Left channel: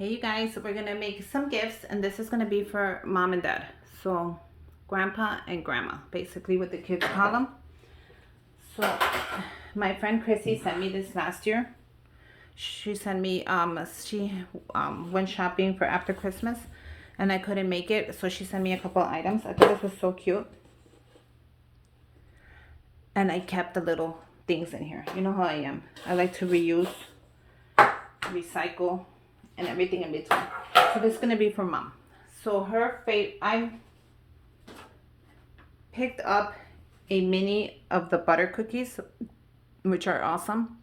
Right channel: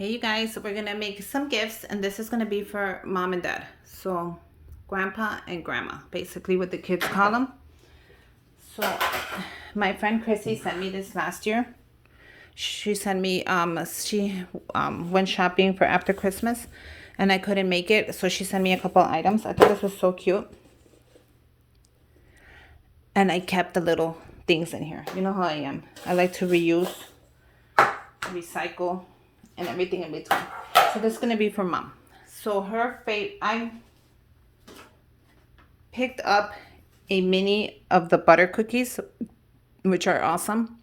Hey you guys, so we're gonna make some gifts and this is gonna be for mom and dad. So grandpa and grandma, basically what the kids call them. So my friend Chrissy sent me this last year. She sent me, she went shopping for after Christmas and I couldn't make it. So she sent me a couple items. I thought this was so cute. And I kept the little things in here. You know how I am. I like to reuse, recycle, and everything in between. So this is gonna be for mom. So her I picked up a mini of the butter cookies, which are awesome.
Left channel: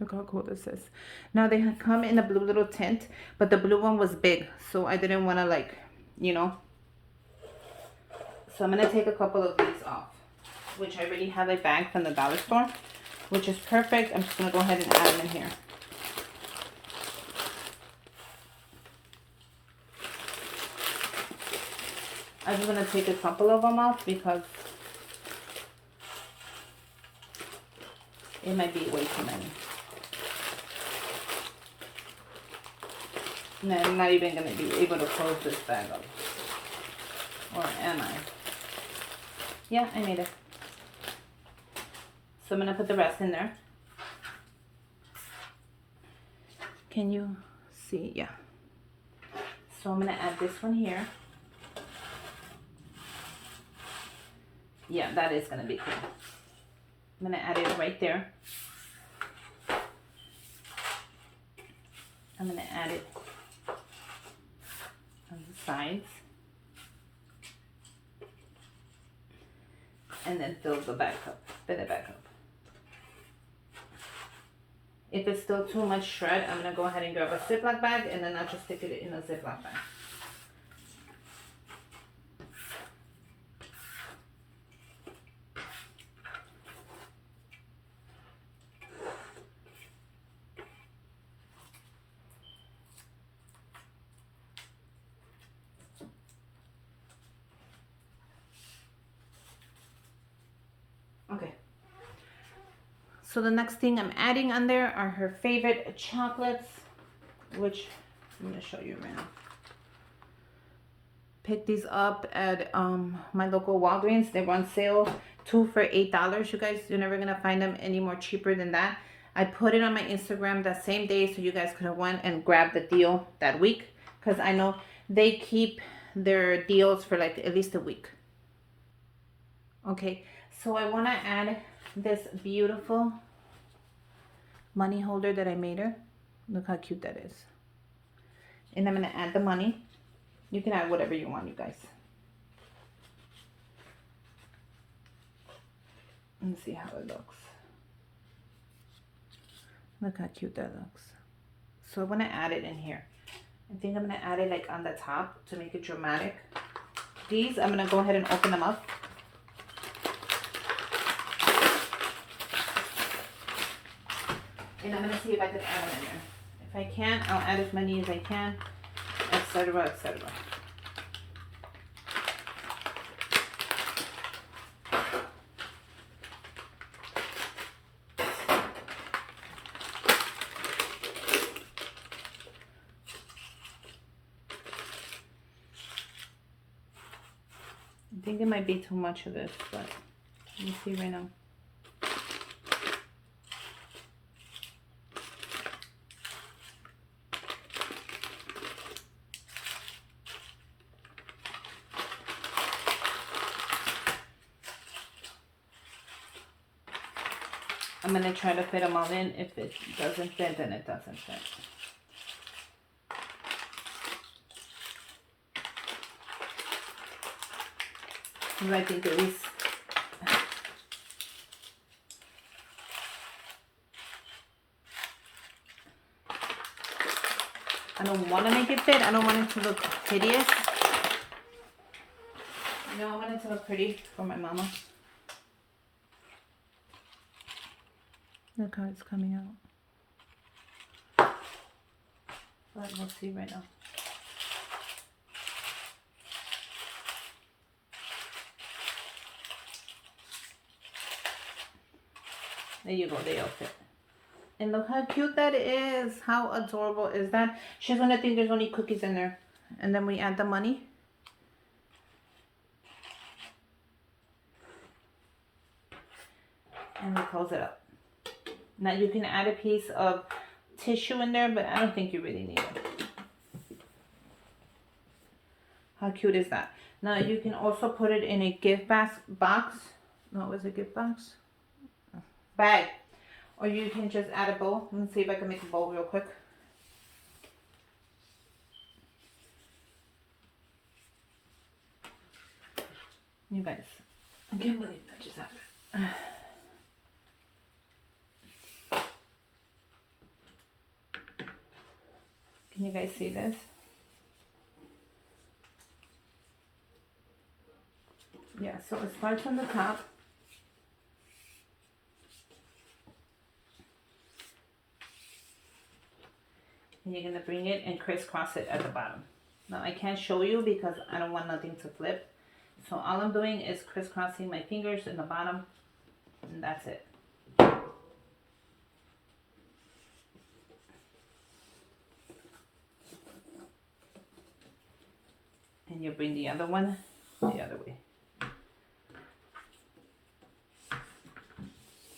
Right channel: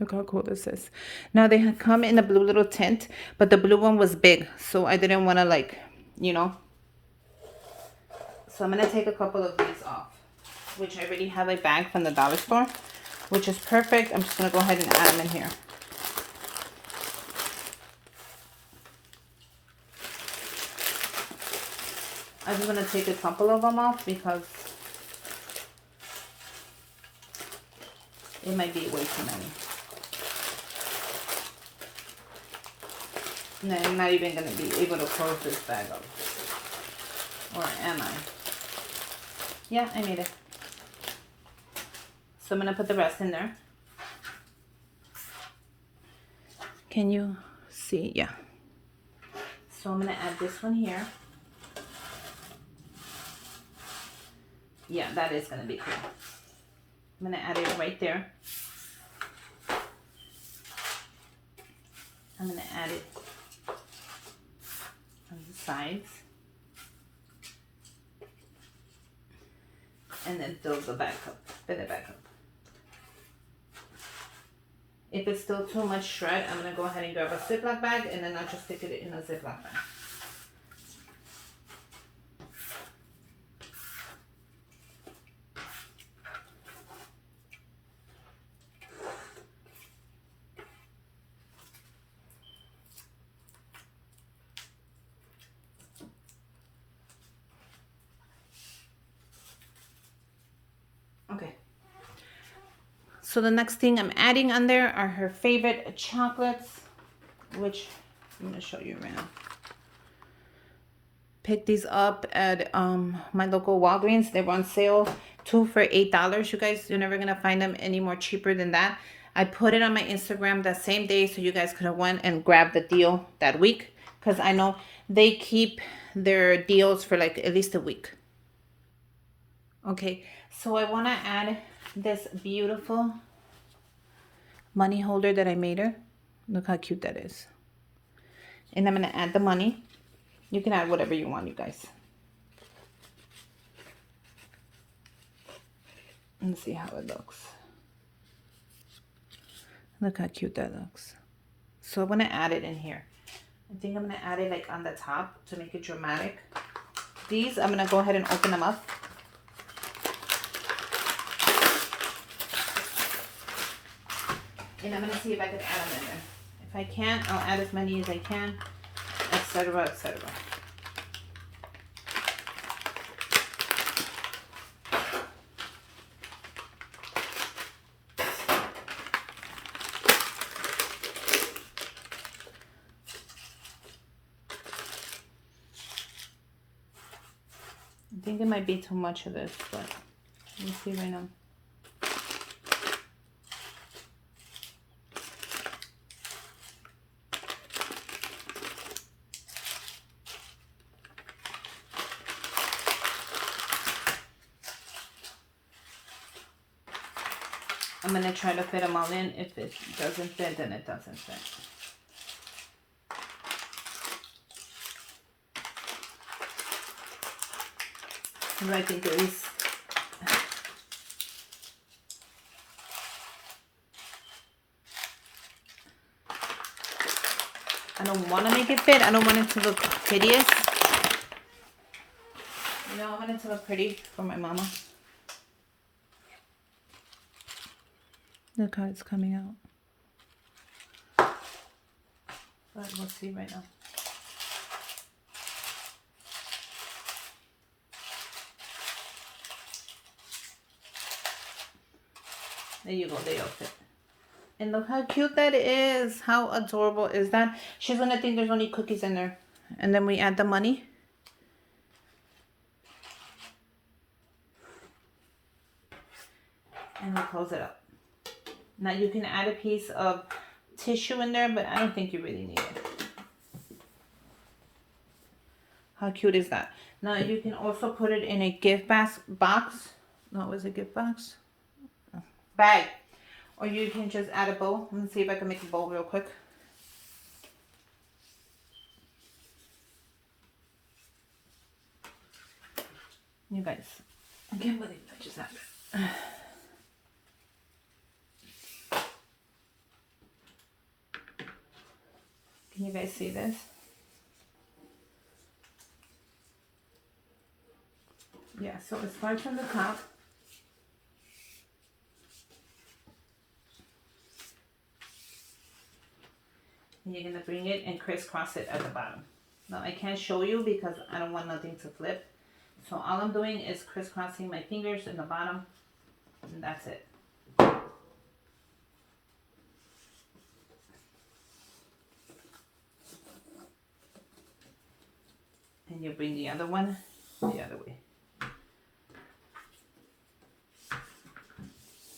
Look how cool this is. Now they come in a blue little tint, but the blue one was big, so I didn't want to So I'm gonna take a couple of these off, which I already have a bag from the dollar store, which is perfect. I'm just gonna go ahead and add them in here. I'm just gonna take a couple of them off because it might be way too many. And I'm not even gonna be able to close this bag up. Or am I? Yeah, I made it. So I'm gonna put the rest in there. Can you see? Yeah. So I'm gonna add this one here. Yeah, that is gonna be cool. I'm gonna add it right there. I'm gonna add it on the sides. And then fill it back up. If it's still too much shred, I'm gonna go ahead and grab a Ziploc bag and then I'll just stick it in a Ziploc bag. Okay. So the next thing I'm adding on there are her favorite chocolates, which I'm going to show you right now. Pick these up at my local Walgreens. They were on sale, 2 for $8. You guys, you're never going to find them any more cheaper than that. I put it on my Instagram that same day so you guys could have went and grabbed the deal that week, because I know they keep their deals for like at least a week. Okay, so I want to add this beautiful money holder that I made her. Look how cute that is. And I'm going to add the money. You can add whatever you want, you guys. Let's see how it looks. Look how cute that looks. So I'm going to add it in here. I think I'm going to add it like on the top to make it dramatic. These, I'm going to go ahead and open them up. And I'm going to see if I can add them in there. If I can't, I'll add as many as I can, etc., etc. I think it might be too much of this, but let me see right now. I'm going to try to fit them all in. If it doesn't fit, then it doesn't fit. I think at least I don't want to make it fit. I don't want it to look hideous. You know, I want it to look pretty for my mama. Look how it's coming out. But we'll see right now. There you go, they all fit. And look how cute that is. How adorable is that? She's gonna think there's only cookies in there. And then we add the money. And we close it up. Now you can add a piece of tissue in there, but I don't think you really need it. How cute is that? Now you can also put it in a gift box. No, it was a gift box? Bag. Or you can just add a bow. Let me see if I can make a bow real quick. You guys, I can't believe that just happened. Can you guys see this? Yeah, so it starts on the top. And you're going to bring it and crisscross it at the bottom. Now I can't show you because I don't want nothing to flip. So all I'm doing is crisscrossing my fingers in the bottom. And that's it. And you bring the other one the other way.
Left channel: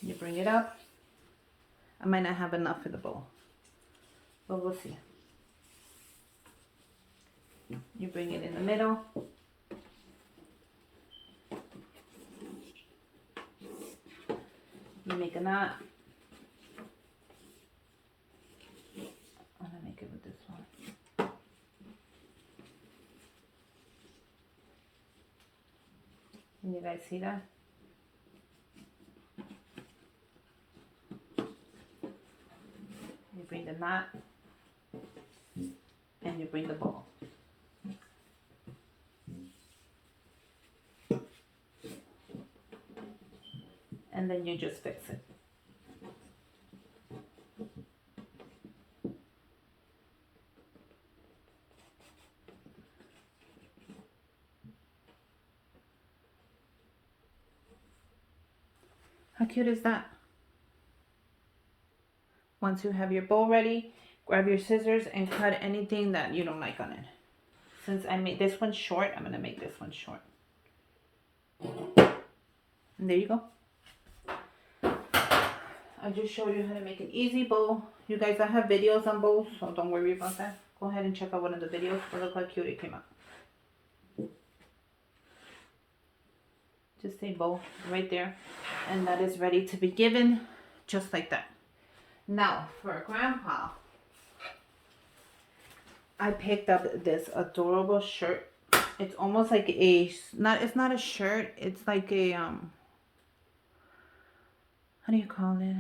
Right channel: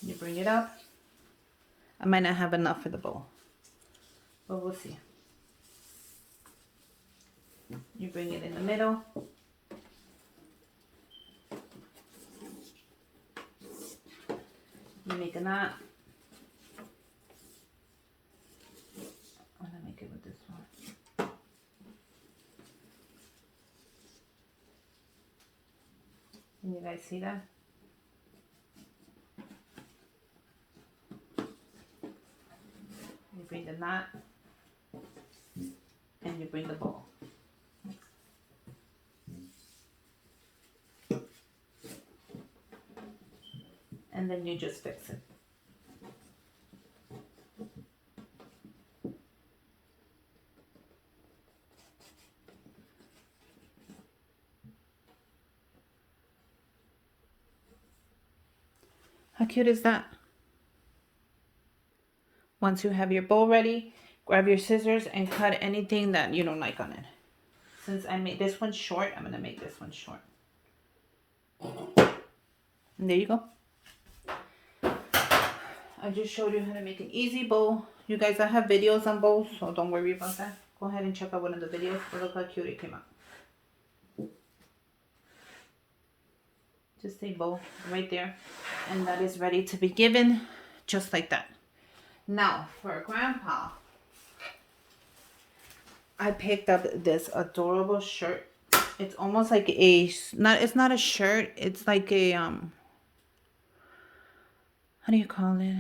You bring it up. I might not have enough for the bowl, but we'll see. You bring it in the middle. You make a knot. I'm gonna make it with this one. Can you guys see that? You bring the knot and you bring the ball. And then you just fix it. How cute is that? Once you have your bowl ready, grab your scissors and cut anything that you don't like on it. Since I made this one short, I'm going to make this one short. And there you go. I just showed you how to make an easy bowl. You guys, I have videos on bowls, so don't worry about that. Go ahead and check out one of the videos. But look how cute it came out. Just a bowl right there. And that is ready to be given just like that. Now, for Grandpa, I picked up this adorable shirt. It's almost like a, it's not a shirt. It's like a, how do you call it?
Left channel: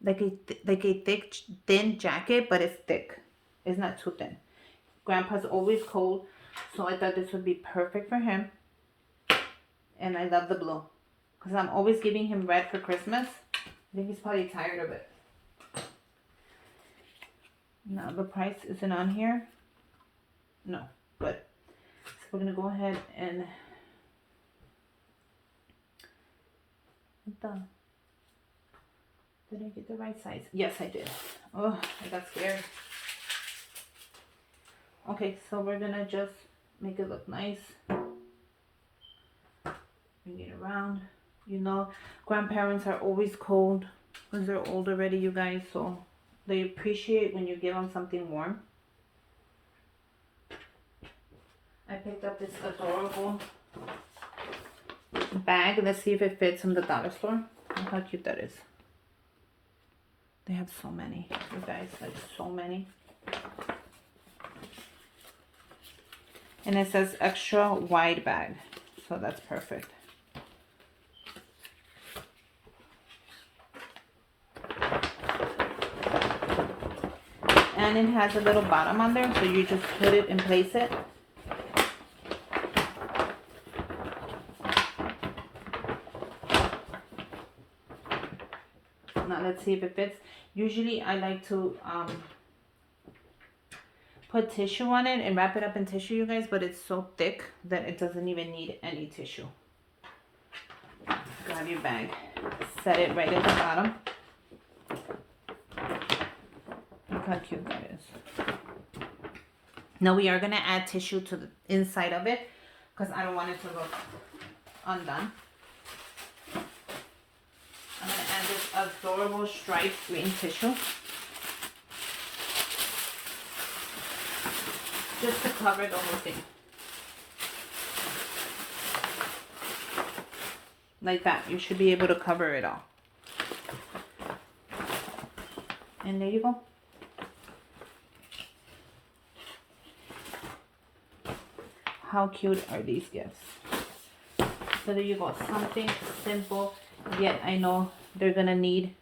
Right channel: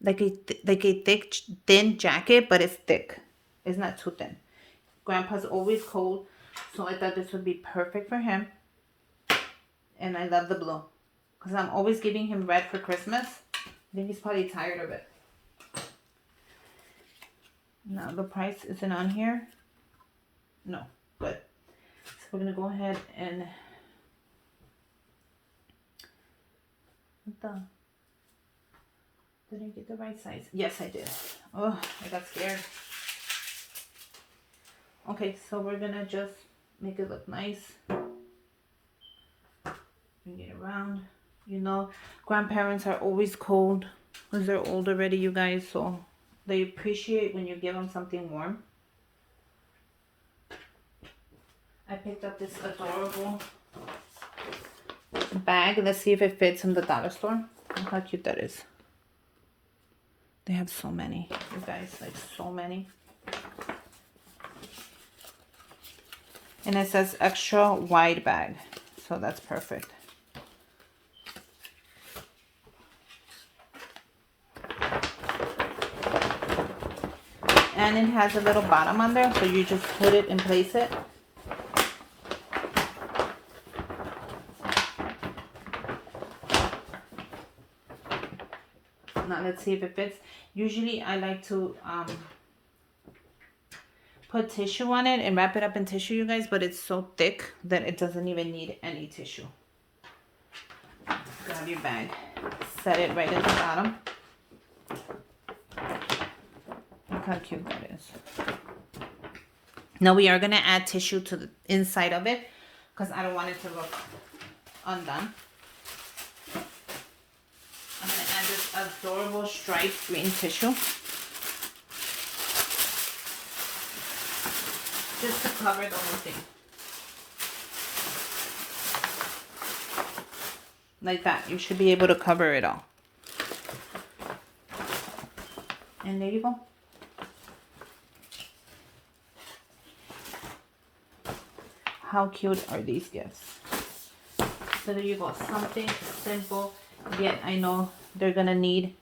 Like a thick, thin jacket, but it's thick. It's not too thin. Grandpa's always cold, so I thought this would be perfect for him. And I love the blue, because I'm always giving him red for Christmas. I think he's probably tired of it. Now the price isn't on here. No, but so we're gonna go ahead and did I get the right size? Yes, I did. Oh, I got scared. Okay, so we're gonna just make it look nice. Bring it around. You know, grandparents are always cold because they're old already, you guys, so they appreciate when you give them something warm. I picked up this adorable bag. Let's see if it fits in the dollar store. Look how cute that is. They have so many, you guys, like so many. And it says extra wide bag, so that's perfect. And it has a little bottom on there, so you just put it and place it. Now let's see if it fits. Usually I like to put tissue on it and wrap it up in tissue, you guys, but it's so thick that it doesn't even need any tissue. Grab your bag, set it right at the bottom. Look how cute that is. Now we are going to add tissue to the inside of it because I don't want it to look undone. I'm going to add this adorable striped green tissue. Just to cover the whole thing. Like that. You should be able to cover it all. And there you go. How cute are these gifts? So there you go. Something simple, yet I know they're gonna need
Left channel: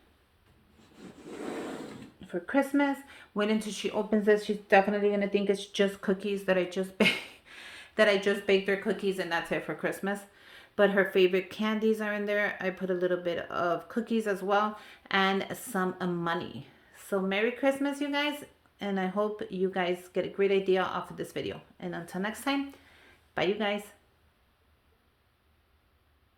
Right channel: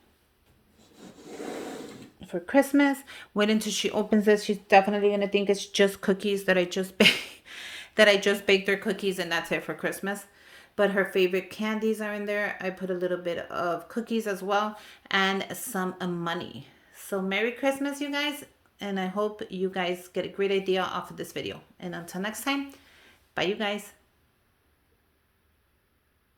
for Christmas. Wait until she opens this. She's definitely gonna think it's just cookies that I just baked. That I just baked her cookies and that's it for Christmas. But her favorite candies are in there. I put a little bit of cookies as well and some money. So Merry Christmas, you guys. And I hope you guys get a great idea off of this video. And until next time, bye, you guys.